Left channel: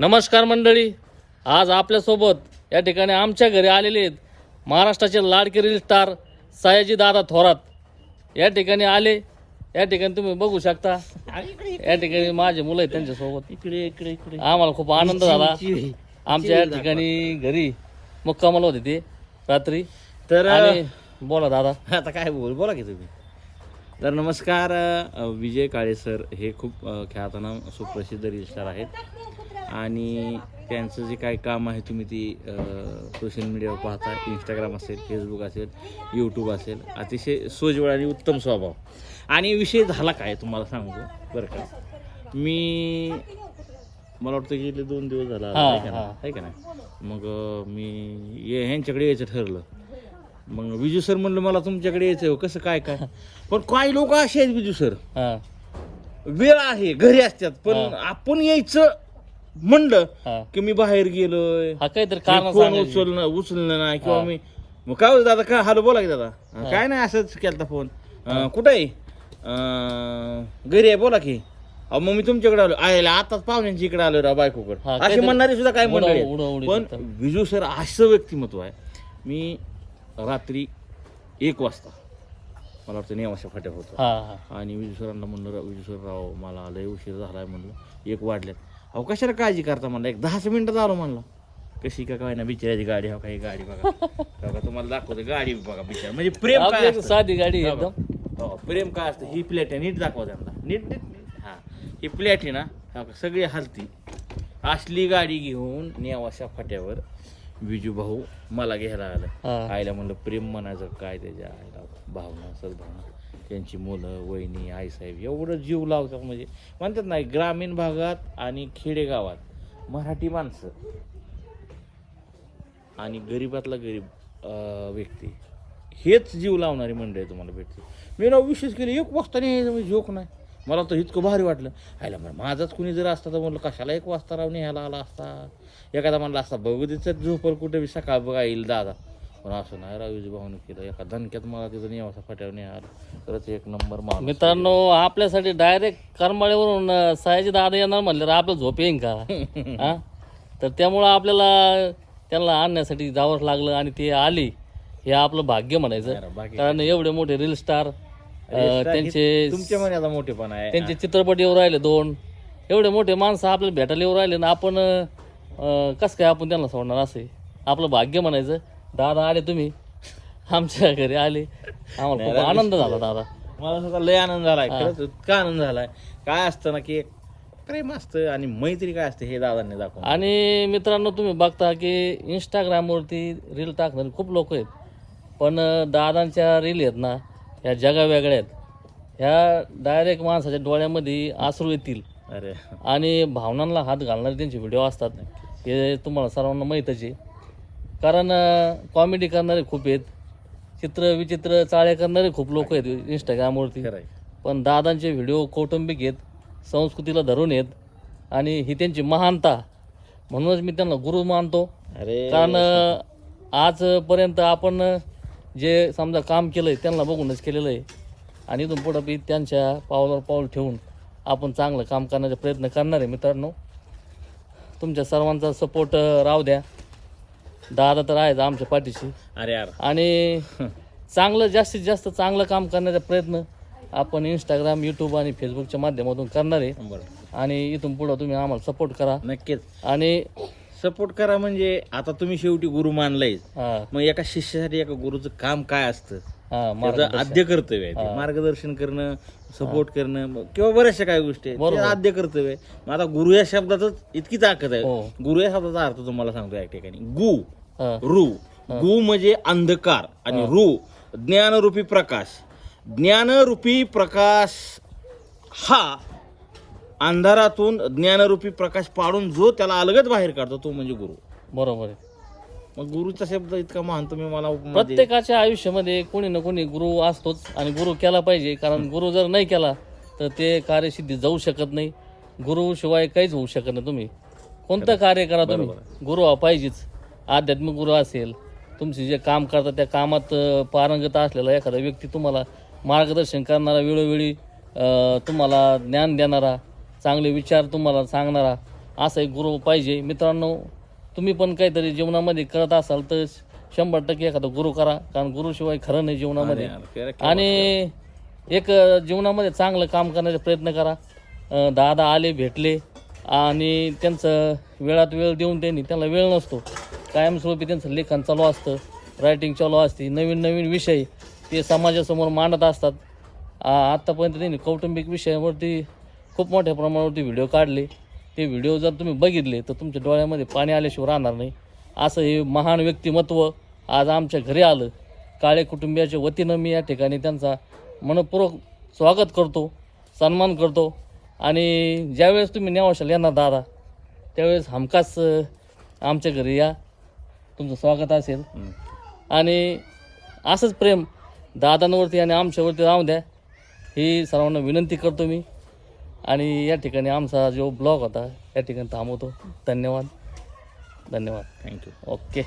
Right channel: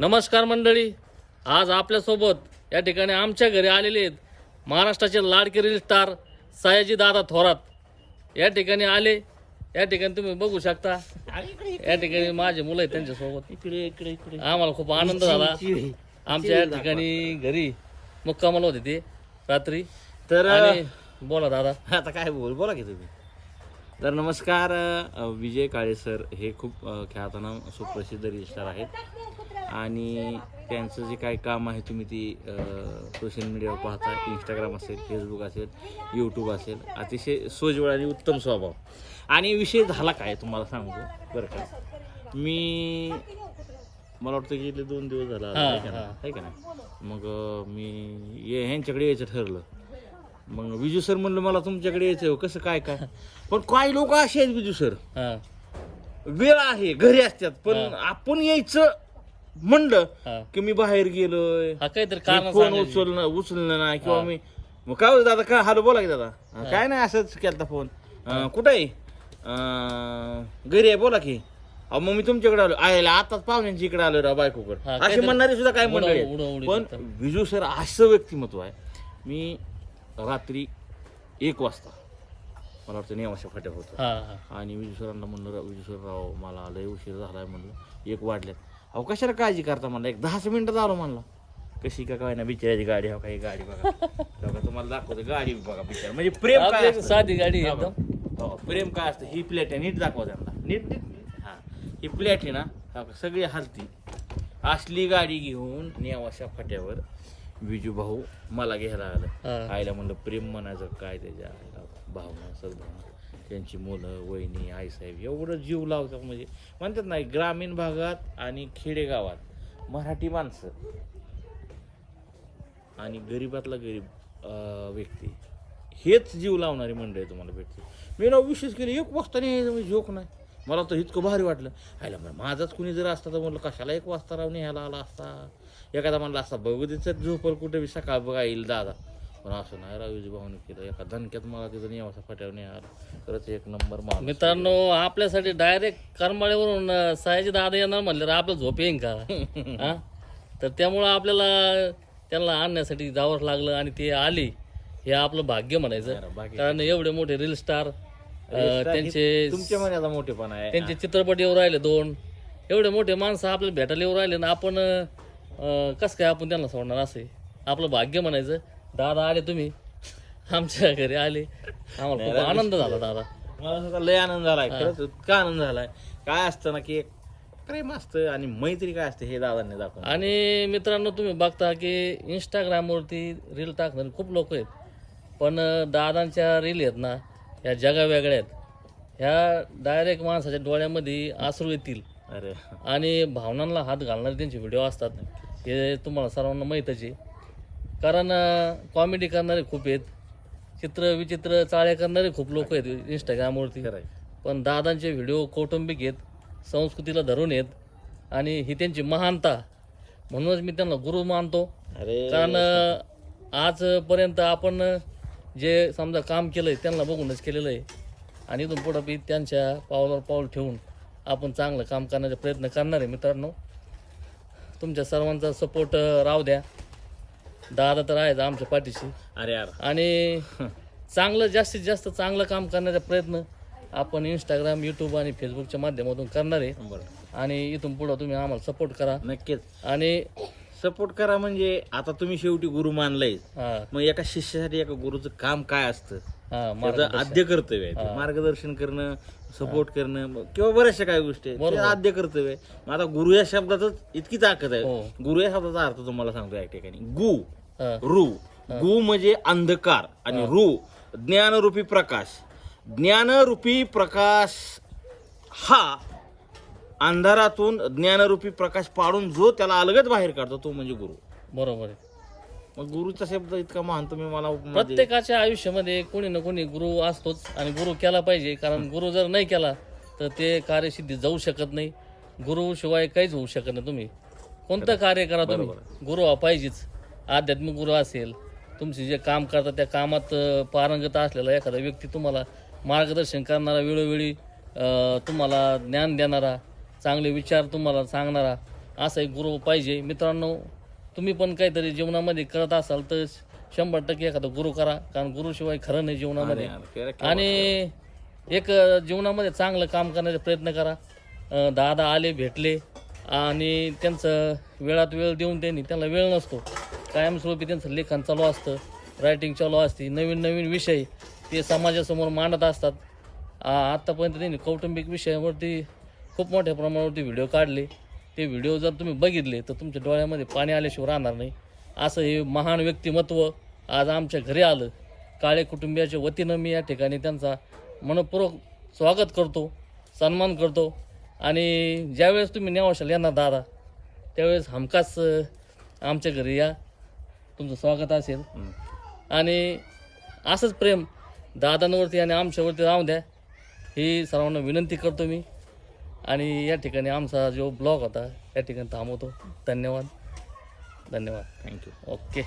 नमस्कार मंडळी. आज आपल्यासोबत या ठिकाणी आमच्या घरी आलेले आहेत महाराष्ट्राचे लाडके रील स्टार सयाजी दादा थोरात. या ठिकाणी आले. या ठिकाणी तुम्ही बघू शकता. या ठिकाणी माझे मुलं आहेत त्यांच्यासोबत. इकडे इकडे इकडे. आम्हाला खूप आनंद झाला. आमच्या या ठिकाणी घरी मुक्कामाला होते ते रात्री. तर आणि बोला दादा. आता काय बोल बोला की तुम्ही. तर नमस्कार विजय काळे सर हे खूप ख्यातनाम सुप्रसिद्ध रजिस्टर आहेत. आणि त्यांचं जे काही काम आहे तुम्ही ती सोशल मीडियावर पाहता. इंस्टाग्राम असेल फेसबुक असेल यूट्यूब असेल. अतिशय सोजवळ आणि उत्तम स्वभाव. आणि विषय झाला काय तुम्हाला सांगतो बरं का. मी मला वाटतं गेले दोन दिवस झाला आहे का. नाही? मग मी ये ह्यांच्याकडे यायचं ठरलं. मग विजू सर म्हणलं मला तुमच्याकडे यायचं आहे, कसं काय काय पण काही लोक असे आहेत विजू सर. हा. वेळ आहे घरी असतात पण हा. आपण यायचं म्हणलं हा. की मी बाहेर गेलोय. हा काहीतरी कारण फोन सांगायचे. उचलणं उचललं नाही किंवा हा. मी मग काय होतं दादा काय हॅलो बोला की दादा. अं, काय नाही असंच केलता फोन. अं, कुठं आहे? अं, घरी आहे बोला की. अहो मग मी तुमच्याकडे आलो. आयला आताच पाहुण्यांच्या इकडे आलो राव बायकोकडे. हा, असे काहीतरी म्हणणारे सुद्धा काय उडव- म्हणणारे उडव- पण. विजू सर असं व्यक्तिमत्व आहे. मी रात्री एक वाजता. मला वाटतं नेवाशा फाट्या होतं हा हा. आणि विजू सरांना म्हणलं "राव, विजू सर राव मला लय उशीर झालाय म्हणलं. एक वाढल्या अहो कशाला काळजी करता म्हणलं? एक दहाच मिनिटात आलो म्हणलं. कशी का काय ना बिचाराची गाडी हो काही गाडी बघा. हो का, तुम्हाला दाखवतो गाडी बघा बिचार. म्हणजे प्रेम आपली काय एक असतं? साधी गाडी आहे हो एकदम? हो, प्रेम काय असतं? ही प्लेट आहे नीट दाखवा त्यांना. नीट हा. ही प्लेट आहे ना हो का, सगळी हलती. असली गाडी घेऊन नेवाशा फाट्यावर. विजू भाऊ मला घ्यायला आलं. आईला म्हणलं प्रेम म्हणायचं काय त्याच्या आईला? भावना सद्भावना. त्यांची मुलं वहिनी आईसाहेब एवढं जीव लावतात म्हणजे. म्हणतात नाही ग्रामीण भागात आणि खेडेगावात मराठी माणसं आणि गरीबातला गरीब व्यक्ती हेच जीव लावणारी मंडळी तुम्हाला भेटते मी ना विशेष केली एक वाजता नाही म्हणजे जोक नाही. मला तर इतकं भारी वाटलं. आयला माझाच कुणी जर असता तर म्हणलं कशाला एक वाजता राव न्यायला आला असता? एखादा म्हणला असता बघू तिचं झोपर कुठे? बी सकाळ बघा येईल दादा. पण असं नाही रावीजी भाऊने केलं. एका धनक्यात मला तिथं निवासा फाट्यावर नाही आलं तरच एक नंबर माणूस. मित्रांनो आपल्यासाठी डायरेक्ट करमाळ्यावरून सयाजी दादा येणार म्हणल्यावर आपलं झोप येईन का? हा? तर त्यामुळं आपल्याला त्यांना आणण्यासाठी जावंच लागलं आणि ते आले. हे आपलं भाग्य म्हणायचं. कारण एवढे मोठे रील स्टार त्यांचे मोठेपणा आहे. त्यांचे चित्रपट येऊ राहिले दोन. एवढे मोठे माणसं आपल्याला भेटायला येऊ राहिले ना आपण कसं काय आपण त्यांना सोडणार असे आपलं भाग्य म्हणायचं दादा आले तुम्ही. आमच्या घरी आले. आम्हाला खूप आनंद झाला दादा. मला सुद्धा लय आनंद झालाय खरंच इतका आनंद झालाय. काय असतं ना की प्रेम असतं आणि मैत्री काय असते हे दादांनी दाखवून. आणि मित्रांनो तुम्ही बघता की इंस्टाग्रामवरती रील टाकणारे खूप लोक आहेत. पण दादांच्या रील आहेत ना ह्या जगा वेगळ्या आहेत. ह्या डायरेक्ट माणसाच्या डोळ्यामध्ये आसरू येतील. अरे. आणि भावनांना हात घालणारे त्यांचे व्हिडिओ असतात. हे तुम्हाला सर्वांना माहीतच आहे. कारण कॉमेडी करणारे खूप आहेत. चित्र विचित्र चाळे करणारे खूप लोक आहेत इंस्टाग्रामवरती पण दादांचे व्हिडिओ कौटुंबिक आहेत संस्कृतीला धरून आहेत आणि ही त्यांची महानता. म्हणूनच मी त्यांना गुरु मानतो. कारण आजपर्यंत आपण जे समजा काम केलंय त्यांना बघूनच केलेलं आहे. आणि इथून पुढं बी त्यांच्या पावलावर पाऊल ठेवून आपण चांगलं काम करण्याचा प्रयत्न करणार आहे मित्रांनो. तुमच्या सर्वांचा सपोर्ट राहू द्या. दादा तर आहेच आमच्या पाठीशी. अरे यार. आणि चांगलं जास्तीत जास्त चांगलं काम करण्याचा प्रयत्न आपण इंस्टाग्राम यूट्यूब आणि फेसबुकच्या माध्यमातून करणार आहे. आणि इथून पुढं तुम्ही आम्हाला सपोर्ट करा. नक्कीच. आणि सपोर्ट करा म्हणजे आता तुम्ही शेवटी गुरु मानलाय मग एका शिष्यासाठी एका गुरुचं काम काय असतं? त्याचं. आद्य कर्तव्य आहे ते. मार्गदर्शन करणं सपोर्ट करणं किंवा बऱ्याचशा काही गोष्टी आहेत. ते बरोबर. आद्य कर्तव्य आहे. मग आता गुरु या शब्दातच इतकी ताकद आहे. हो. गुरु या शब्दाचा अर्थ तुम्हाला सांगतो या ठिकाणी. गु हा, रू. गु म्हणजे अंधकार आणि रू ज्ञानरूपी प्रकाश. ज्ञानरूपी प्रकाश हा अंधारातून ज्ञानरूपी प्रकाश पाडून जो त्याला अलगद बाहेर काढतो तो म्हणजे गुरु. बरोबर आहे. मग गुरुचा शब्द इतका महान तुम्ही मला प्रत्येकाच्या आयुष्यामध्ये कोणी ना कोणी गुरु असतोच आणि गुरु केला पाहिजे कारण गुरु जर नाही केला तर ते कार्यसिद्धी जाऊ शकत नाही. गुरु शिवाय काहीच होऊ शकत नाही तुम्ही. कोणतं कार्य करा तुम्ही? बरोबर. गुरु हा पाहिजेच. आध्यात्मिक गुरु असेल तुमचे जे काम करता त्या कामात अं, पारंगत असलेला एखादा व्यक्ती तुम्हाला मार्गदर्शन करणारा वेळोवेळी अं, तुम्हाला ज्ञान देणारा चांगले विचार तुम्हाला सांगणारा असा एक गुरु पाहिजे. मित्रांनो तुम्ही पण काहीतरी जीवनामध्ये करत असाल तर शंभर टक्के एखादा गुरु करा कारण गुरुशिवाय खरं नाही जीवनामध्ये. आणि एक जीवनामध्ये चांगलं काम करण्याचा प्रयत्न करा. दादा आले भेटले आणि त्यांचं वेळात वेळ देऊन त्यांनी त्यांना वेळ नसतो. कायमस्वरूपी त्यांचं लेखन चालू असतं रायटिंग चालू असते नवीन नवीन विषय ते समाजासमोर मांडत असतात. आत्तापर्यंत त्यांनी कौटुंबिक विषयावरती खूप मोठ्या प्रमाणावरती व्हिडिओ काढले. ते व्हिडिओ जर तुम्ही बघितले तर तुमच्या डोळ्यामध्ये पाणी आल्याशिवाय राहणार नाही. असं हे महान व्यक्तिमत्व आज आमच्या घरी आलं. काळे कुटुंबियाच्या वतीनं मी या ठिकाणी त्यांचा मनपूर्वक स्वागत करतो सन्मान करतो. आणि ज्यावेळेस तुम्ही नेवाशाला येणार दादा त्यावेळेस हमखास आमच्या घरी या. तुमचं स्वागत असेल. आणि असंच प्रेम दादांवरती आणि आमच्यावरती राहू द्या. ही सर्वांना विनंती करतो मी. आणि या ठिकाणी आमचा जो ब्लॉग होता या ठिकाणी थांबवतो. धन्यवाद. धन्यवाद. Thank you okay